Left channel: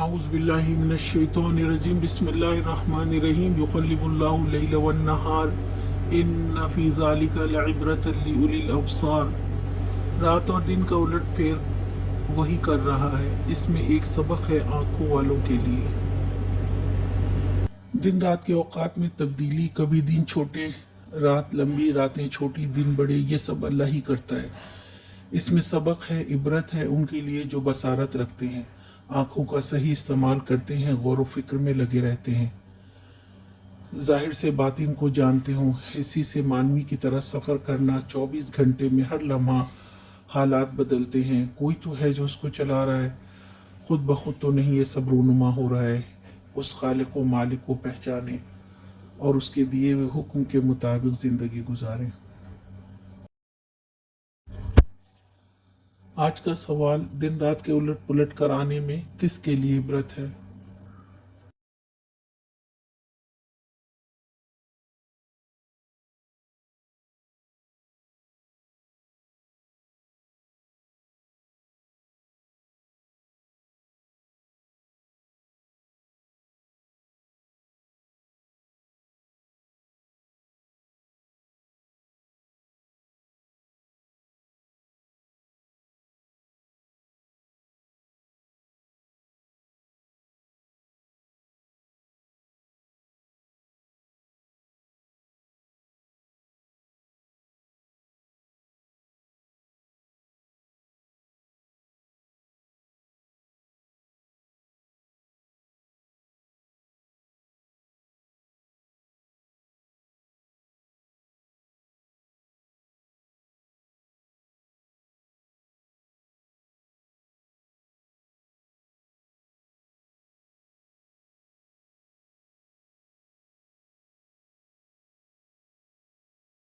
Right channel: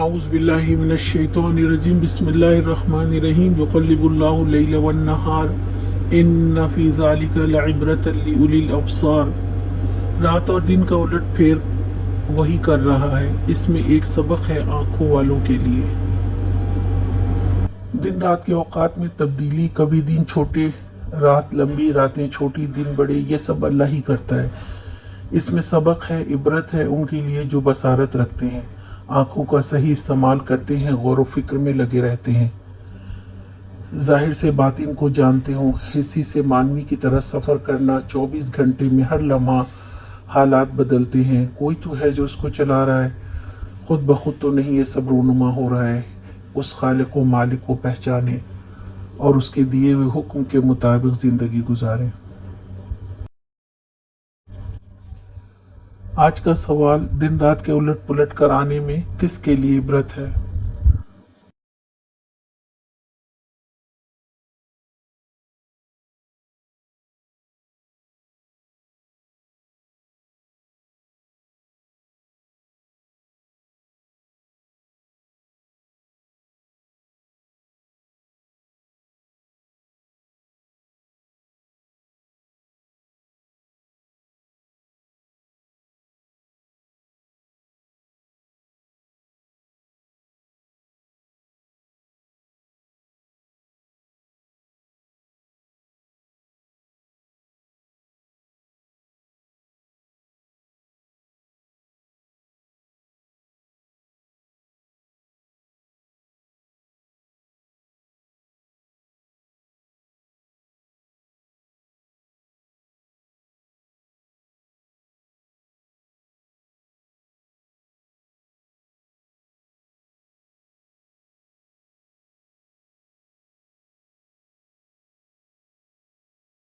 औज़ुबिल्लाहि मिनश्शैतानिर्रजीम बिस्मिल्लाहिर्रहमानिर्रहीम युक़ल्लिबुल्लाहु लैल वन्नहार इन्न फ़ी ज़ालिका लइब्रतन लिउलिल अब्सार। रात और दिन का उलट फेर वही कर रहा है, इसमें एक सबक है आँखों वालों के लिए। दिन रात के औकात में तब्दीली, कभी दिन छोटे रात लंबी, रातें छोटी दिन बड़े, ये सब अल्लाह ही करता है। इसमें सबक है, इबरत है उनके लिए जो बसारत रखते हैं, आँखों का सही इस्तेमाल करते हैं, गौर व फिक्र में लगे रहते हैं, ज़ाहिर से बातिन को जानते हों। हिस्सी से मानवी की तरह सफ़र करना, 24 घंटे में हर लम्हा हालात बदलते हैं। कोई तो है जो उसको चला रहा है, खुद ब खुद तो नहीं ये सब रूनुमा हो रहा है। उस खालिक व मालिक को पहचाने और उसके दिए हुए हुक्म के मुताबिक ज़िंदगी गुजारें। आज का सवाल, दिन रात के उलट पुलट कर आने में किसके लिए इबरत है?